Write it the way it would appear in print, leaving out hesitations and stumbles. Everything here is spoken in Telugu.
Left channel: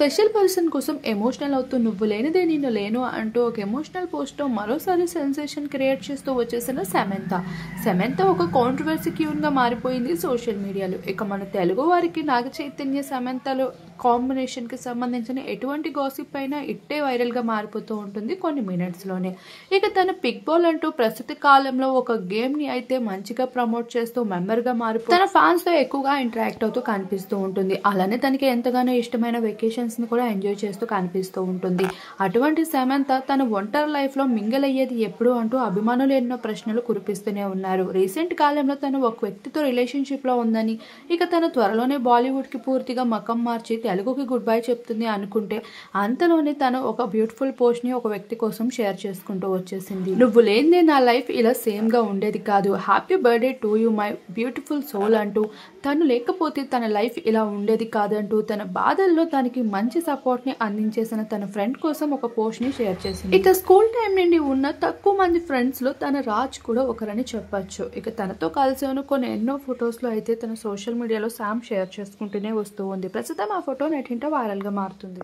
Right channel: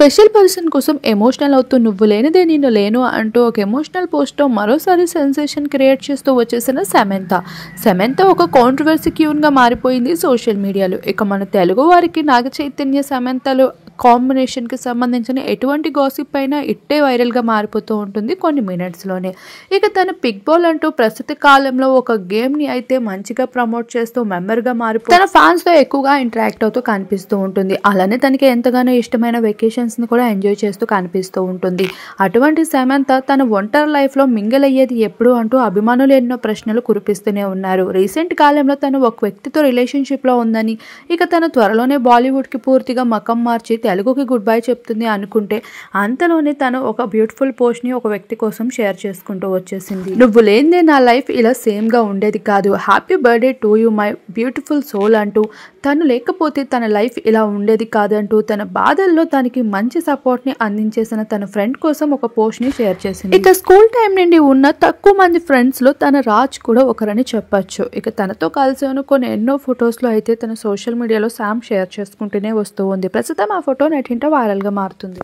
స్పెషల్ పర్సన్ కోసం ఎమోషనల్ అవుతూ నువ్వు లేనిదే నేను లేను అంటూ ఒక ఎమోషనల్ పోస్ట్తో మరోసారి సెన్సేషన్ క్రియేట్ చేస్తూ వచ్చేసిన సమంత ఒక కాంట్రవర్సీ క్యూన్గా మారిపోయింది సోషల్ మీడియాలో. ఇక మన తెలుగు వారికి నాగ చైతన్య సమంతలు కాంబినేషన్కి సంబంధించిన ఎటువంటి గాసిప్ అయినా ఇట్టే వైరల్గా మారిపోతూ ఉంటుంది కొన్ని మినిట్స్లోనే. ఇక తను పిక్ బాల్ అంటూ ప్రస్తుత కాలంలో ఒక గేమ్ని అయితే మంచిగా ప్రమోట్ చేస్తూ మెంబర్గా మారిపో తన ఫ్యాన్స్తో ఎక్కువగా ఇంటరాక్ట్ అవుతూ కనిపిస్తూ ఉంటుంది. అలానే తనకి ఎంతగానో ఇష్టమైన వెకేషన్స్ని కూడా ఎంజాయ్ చేస్తూ కనిపిస్తూ ఉంటుంది. అటువంటి సమంత తన ఒంటరి లైఫ్లో మింగిల్ అయ్యేది ఎప్పుడు అంటూ అభిమానులు ఎన్నో ప్రశ్నలు కురిపిస్తూనే ఉన్నారు. రీసెంట్ కాలంలో తను ఒక వ్యక్తితో రిలేషన్షిప్లో ఉందని, ఇక తను త్వరలోనే బాలీవుడ్కి పూర్తిగా మకం మార్చి తెలుగుకి గుడ్ బై చెప్తుంది అనుకుంటే అంతలోనే తను ఒక బ్యూటిఫుల్ పోస్ట్ని ఒక వ్యక్తి కోసం షేర్ చేసుకుంటూ వచ్చేసింది. నువ్వు లేనిదే నా లైఫ్ ఇలా సేమ్గా ఉండేది కాదు, happy birthday to you my beautiful soul అంటూ, తను లేకపోతే తన లైఫ్ ఇలా ఉండేది కాదంటూ తన బాధల్లో తనకి మంచి సపోర్ట్ని అందించేసిన తన ఫ్రెండ్ కోసం ఒక పోస్ట్ని షేర్ చేసింది. ఇక స్కూల్ టైం నుండి ఉన్న తక్కువ మంది ఫ్రెండ్స్లో తన రాజ్ కూడా ఒకరని చెప్పచ్చు. ఇక తనతో కలిసి కొన్ని ఎన్నో ఫొటోస్లో అయితే తన సోషల్ మీడియాలో శామ్ షేర్ చేసుకుంటూనే వస్తూ ఉంది. ప్రస్తుతం ఆ ఫోటో నెట్టింట వైరల్గా మారుతుంది.